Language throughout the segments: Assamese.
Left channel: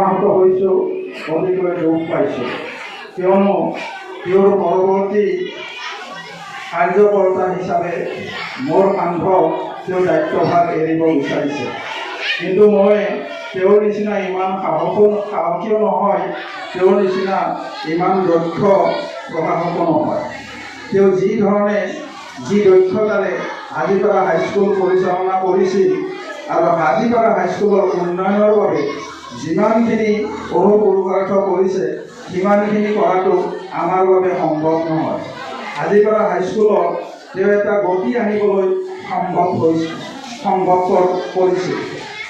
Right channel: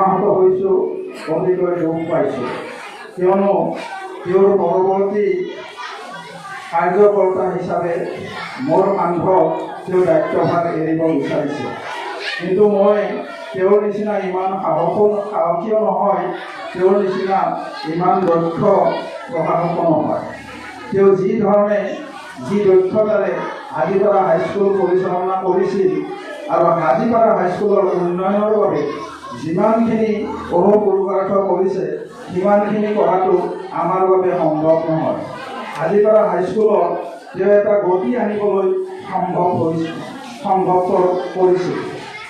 মৰ্মাহত হৈছোঁ, অতিকৈ দুখ পাইছোঁ। কিয়নো তেওঁৰ পৰৱৰ্তী কাৰ্যকৰ্তা হিচাপে মোৰ কান্ধত তেওঁ দায়িত্বভাৰ এৰিব বিচাৰিছে। কিন্তু মই তেওঁৰ নিচিনা ইমান সাহসীয় নহয়, তেওঁৰ নিচিনা ইমান দক্ষ প্ৰশাসকো নহয়। তেওঁ যি ধৰণে যি দক্ষতাৰে হাজীপাৰা হাইস্কুল পৰিচালনা কৰিছিল আৰু হাজীপাৰা হাইস্কুলৰ উন্নয়নৰ বাবে যিমানখিনি অহোপুৰুষাৰ্থ কৰিছে সিমানখিনি কৰাটো আমাৰ বাবে সম্ভৱ নহয়। হাজীপাৰা হাইস্কুলত তেওঁ এটা গতি আনিবলৈ সম্ভৱপৰ কৰিছিল।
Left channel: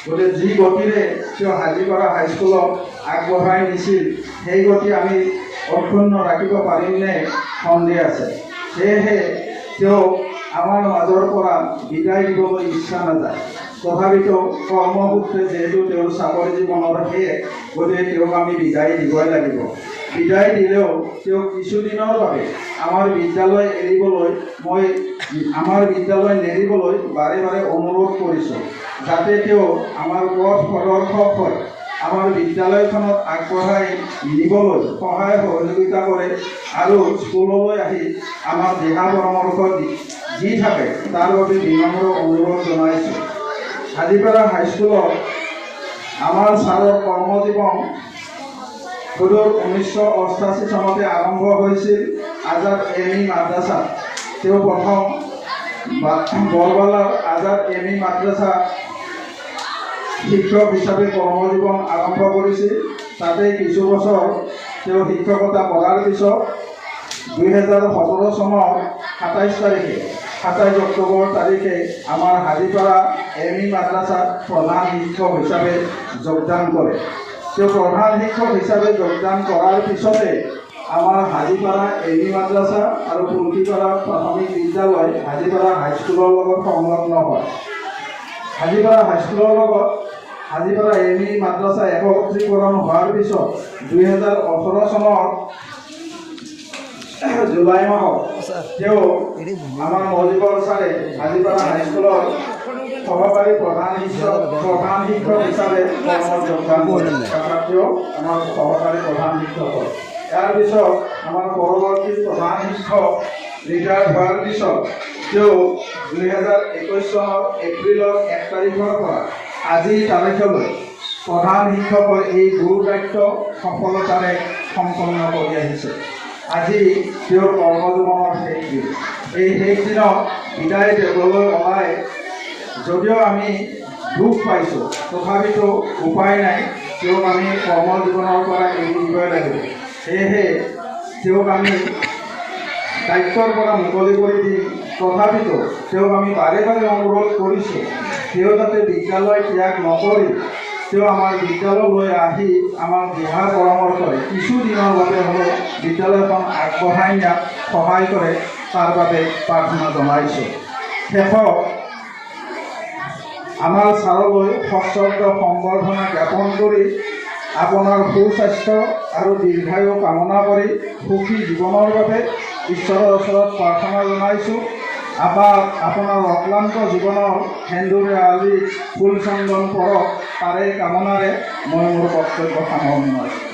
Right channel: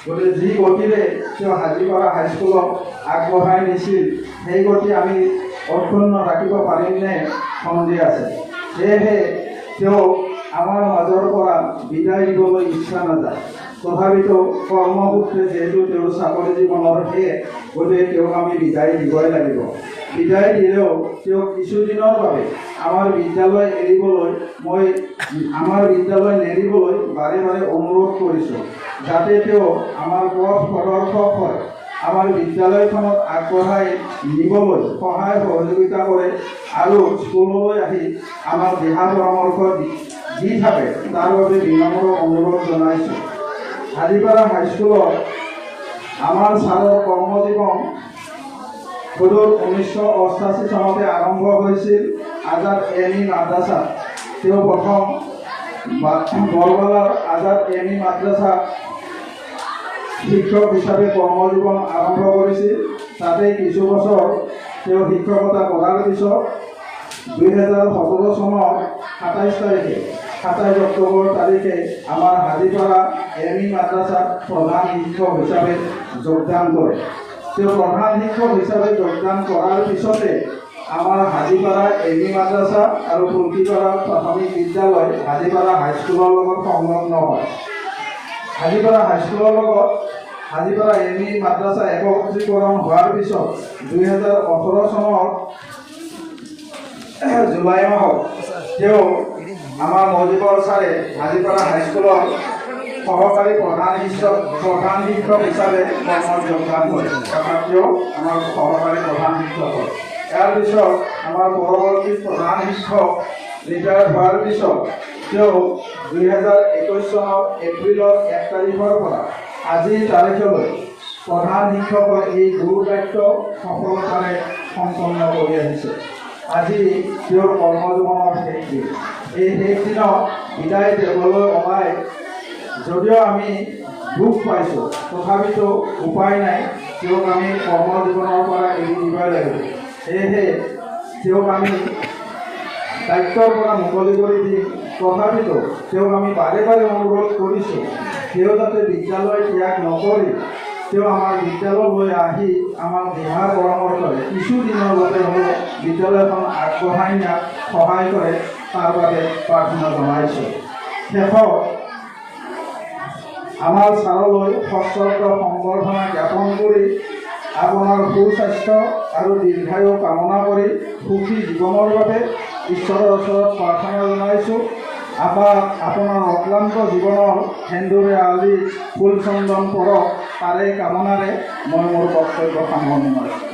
গতিকে যি গতিৰে তেওঁ হাজীপাৰা হাইস্কুলক আগবঢ়াই নিছিল সেই গতি আমি অক্ষুণ্ণ ৰাখিব পাৰিমনে সন্দেহ আছে। সেয়েহে তেওঁ আমাৰ মাজৰ পৰা বিদায় দিবলৈ ইচ্ছা নাযায়। তথাপিতো কৰ্মসূত্ৰে যিহেতু তেওঁৰ চাকৰি জীৱনৰ শেষ, গতিকে তেওঁক আমি বিদায় দিবই লাগিব। বিদায় দিলেও তেওঁক কিছুদিনৰ বাবে আমাৰ বিদ্যালয় এৰিবলৈ আমাৰ বিদ্যালয় নেৰিবলৈ বাৰে বাৰে অনুৰোধ কৰিছোঁ, যাতে তেওঁ আমাৰ পথ প্ৰদৰ্শক হয়, আমাৰ বিদ্যালয়খনক আগবঢ়াই নিবলৈ সহায় সহযোগিতা কৰে আৰু স্কুললৈ আহি আমাৰ দিহা পৰামৰ্শ দি থাকে, তাৰ বাবে বিনম্ৰ অনুৰোধ জনাইছোঁ। হাজীপাৰা হাইস্কুলত আমাৰ ছাৰৰ কৰ্মজীৱন সদূৰ 1988 চনতে আৰম্ভ হৈছিল। আজাদ এম.ই. মাদ্ৰাছাত তেওঁ প্ৰথম বৰবালাৰ আজাদ এম.ই. মাদ্ৰাছা শিক্ষক হিচাপে কৰ্মজীৱন আৰম্ভ কৰিছিল। তাতে কিছু বছৰ তেওঁ শিক্ষকতা কৰাৰ পিছত 2017 চনৰ 27 অক্টোবৰ তাৰিখে আমাৰ হাজীপাৰা এম.ই. মাদ্ৰাছাত প্ৰধান শিক্ষক হিচাপে যোগদান কৰে। তেওঁ প্ৰধান শিক্ষক হিচাপে যোগদান কৰাৰ পিছতে আমাৰ হাজীপাৰা এম.ই. মাদ্ৰাছা আৰু ফুলকিপাৰা প্ৰাথমিক বিদ্যালয় হাজীপাৰা হাইস্কুলৰ লগত সংলগ্ন হয়। হাজীপাৰা হাইস্কুলৰ লগত হাজীপাৰা এম.ই. মাদ্ৰাছা একত্ৰীকৰণ হোৱাৰ পিছত 2018 চনৰ জুলাই মাহত তেওঁ আমাৰ মজিবৰ ছাৰে হাজীপাৰা হাইস্কুলৰ সহকাৰী প্ৰধান শিক্ষক হিচাপে কৰ্মত যোগদান কৰে। তথাপিও আমাৰ সহকাৰী প্ৰধান শিক্ষক হয়। ইয়াৰ পিছত আমাৰ পৰৱৰ্তী প্ৰধান শিক্ষক ৰিটায়াৰ্ড হোৱাৰ পিছত তেওঁ 2021 চনৰ এপ্ৰিলৰ 1 তাৰিখৰ পৰা আজিৰ তাৰিখলৈ প্ৰধান শিক্ষকৰ এই গুৰু দায়িত্ব সফলতাৰে সম্পন্ন কৰি আহিছে। আজি তেওঁৰ কৰ্মজীৱনৰ শেষ দিন। এই শেষ দিনত বিদায় দেবলৈ ওলাই যদিও আমি দুখ পাইছোঁ, তথাপিতো উপায় নাই, তেওঁক আমি কৰ্মজীৱনৰ পৰা এৰি দিবই লাগিব। সেয়েহে তেওঁক আমি দায়িত্বৰ পৰা মুকলি কৰি দিম। তথাপিতো তেওঁক আমি বাৰে বাৰে অনুৰোধ কৰিছোঁ, তেওঁ যাতে বিদ্যালয় ত্যাগ নকৰি তেওঁ আমাৰ বিদ্যালয়লৈ আহি আমাৰ দিহা পৰামৰ্শৰে কিছুদিনৰ বাবে হ'লেও বিদ্যালয়খন আগবঢ়াই নিয়াত সহায় কৰে, তাৰ বাবে প্ৰাৰ্থনা জনাইছোঁ। শেষত আমাৰ ছাৰলৈ সশ্ৰদ্ধ সম্বৰ্ধনা জ্ঞাপন কৰি আপোনাৰ সুস্বাস্থ্য আৰু দীৰ্ঘায়ু কামনা কৰি সুখী জীৱনৰ বাবে ঈশ্বৰৰ ওচৰত প্ৰাৰ্থনা জনাইছোঁ। আপোনাৰ অক্লান্ত জীৱনৰ সেন্দুৰে আজি ফুল চন্দন পৰক, তাৰে কামনাৰে মই মোৰ বক্তব্য সামৰণি মাৰিছোঁ।